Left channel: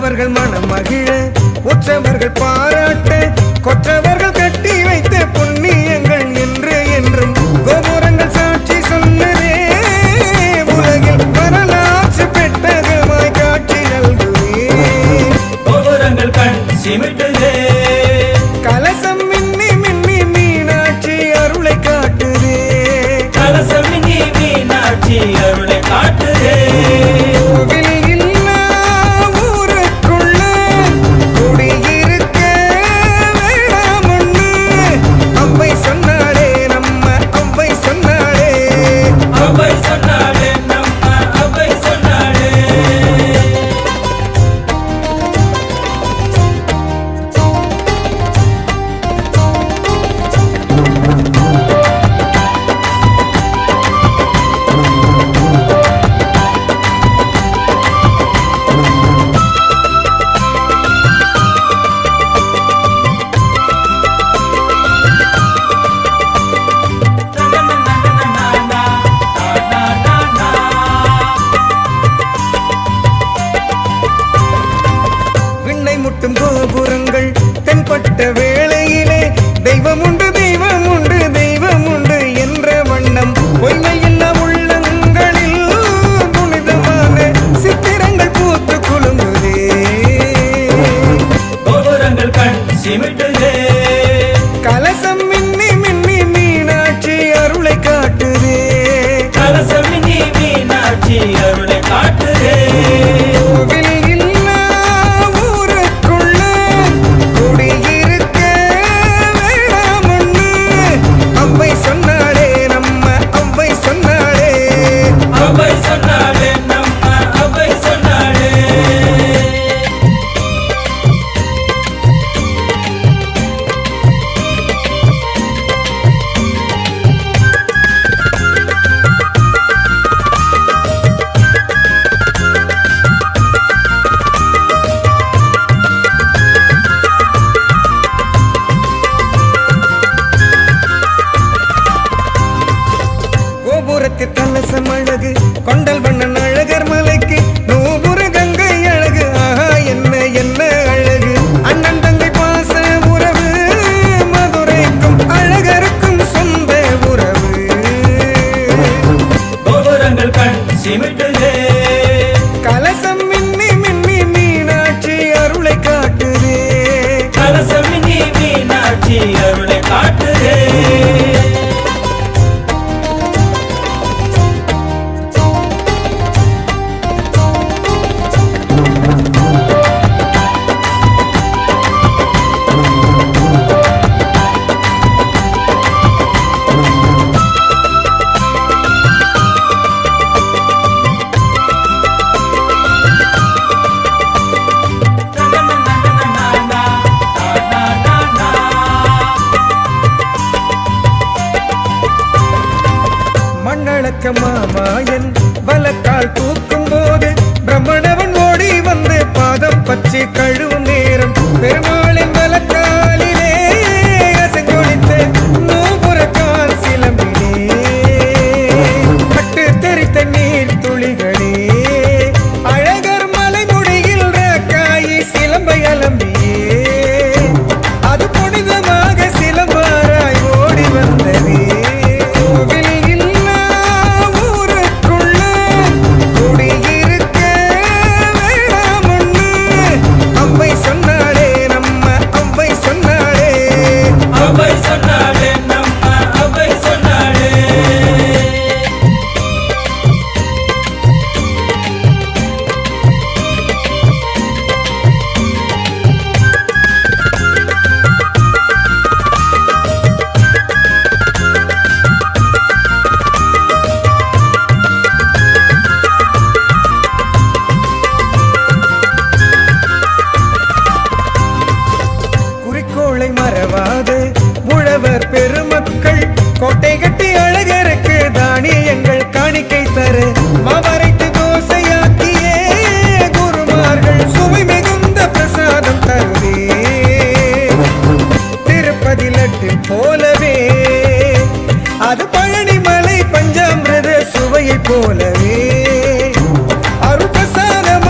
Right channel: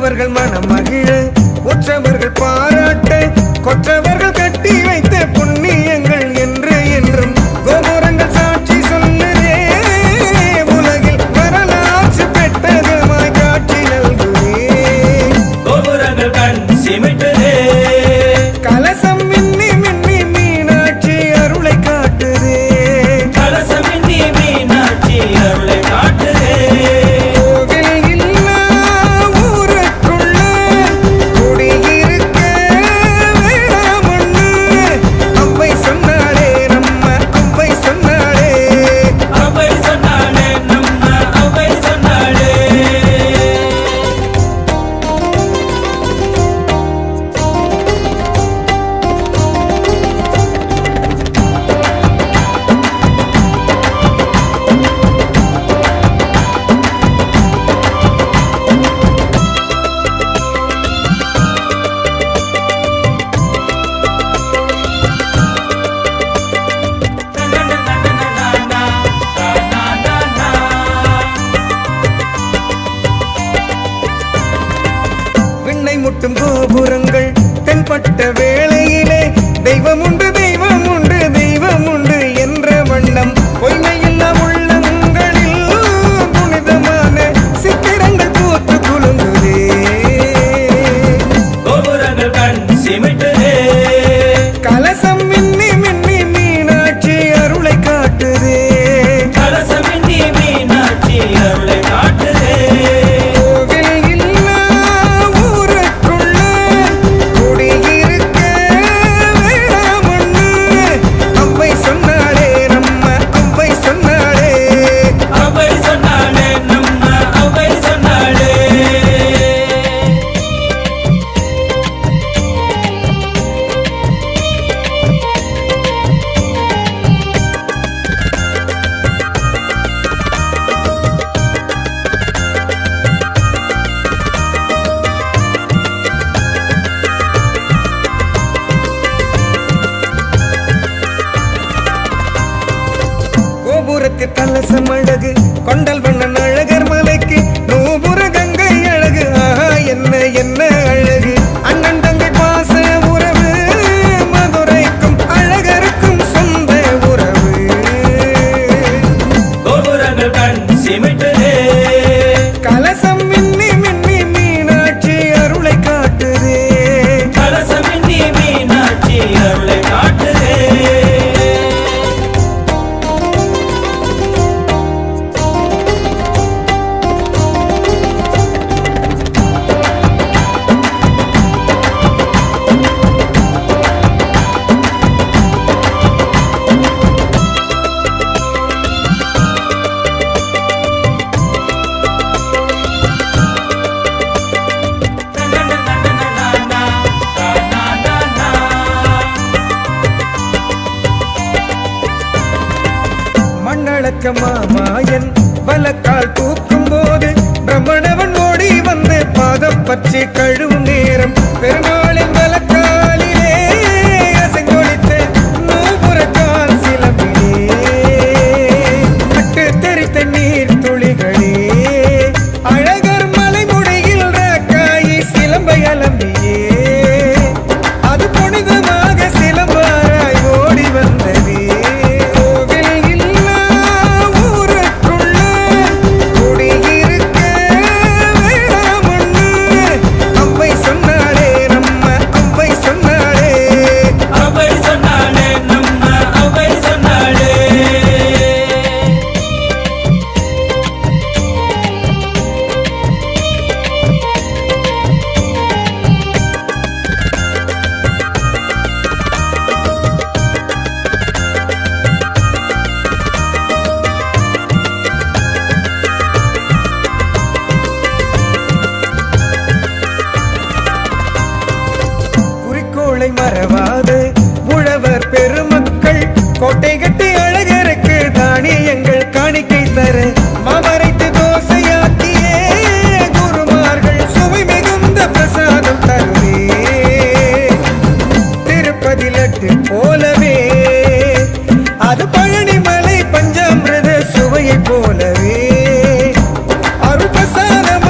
மற்றவர்கள் மனம் மகிழ உற்றவர்கள் பாராட்ட கொற்றவர்கள் கட்டி வைத்த புண்ணியங்கள் என்று என்றும் கோபுரங்கள் சாட்சி சொல்லுதே உலகில் வரலாற்று பெட்டகமாய் காட்சி நல்குதே கோபுரங்கள் கண் சிமிட்டுதே கலசம் மின்னி மின்னி மீனாட்சி அருளை காட்டுதே கலசம் மின்னி மீனாட்சி அருளை காட்டுதே கோவில் இல்லா ஊருக்குள்ள குடியிருக்க வேணாமொன்னு அவ்வை சொன்னாளே நம்ம அவ்வை சொன்னாளே அவ்வை சொன்னாளே நம்ம அவ்வை சொன்னாளே விண்ணை முட்டும் கோபுரங்கள் தென்பட்ட வேளையிலே தெய்வம் உண்டு தெய்வம் உண்டு தெய்வம் உண்டு என்ற வண்ணம் பொய்மையில்லா உள்ளங்களில் புனிதமான சித்திரங்கள் பூத்து குலுங்குதே கோபுரங்கள் கண் சிமிட்டுதே கலசம் மின்னி மின்னி மீனாட்சி அருளை காட்டுதே கலசம் மின்னி மீனாட்சி அருளை காட்டுதே கோவில் இல்லா ஊருக்குள்ள குடியிருக்க வேணாமொன்னு அவ்வை சொன்னாளே நம்ம அவ்வை சொன்னாளே அவ்வை சொன்னாளே நம்ம அவ்வை சொன்னாளே கோபுரத்தில் கலசம் அழகு கொண்டல் வண்ணன் அழகர் மலைக்கு நூபுர கங்கை அழகு ஆஹா என்ன என்ன அழகு அண்ணன் தங்கை பாச உறவு மதுரைக்கும் அழகருக்கும் சொந்த உறவு கோபுரங்கள் கண் சிமிட்டுதே கலசம் மின்னி மின்னி மீனாட்சி அருளை காட்டுதே கலசம் மின்னி மீனாட்சி அருளை காட்டுதே மண்ணளக்க மாமாயன் வலக்கால் தூக்கும் போது பிரம்மணவன் ஓடி வந்து பாதம் பற்றி கழுவும் நேரம் பெருமாளின் வலக்காலிலே அசைந்தொழித்த நூபுரக்கால் சிலம்பிலே பட்டு தெரித்த நீர் துளிகளே அழகர் மலைமுடியில் ராக்காயி சிலம்பை அலம்பியே அது புனிதமாக சிலம்பாராய் ஓடி வந்ததே கோவில் இல்லா ஊருக்குள்ள குடியிருக்க வேணாமொன்னு அவ்வை சொன்னாளே நம்ம அவ்வை சொன்னாளே அவ்வை சொன்னாளே நம்ம அவ்வை சொன்னாளே குறிக்கோளை மறவாது உழவர் பெருமக்கள் கோட்டை கட்டி அழகருக்கு தானியங்கள் காணிக்கை தர மாவரைத்து தோசையாக்கியே குருமார்கள் சுவை மிகுந்த பிரசாதம் தருவே திருப்பதி லட்டு போலவே அது பழனிமலை பஞ்சாமிரத சுவையை போலவே அருள் பிரசாதம்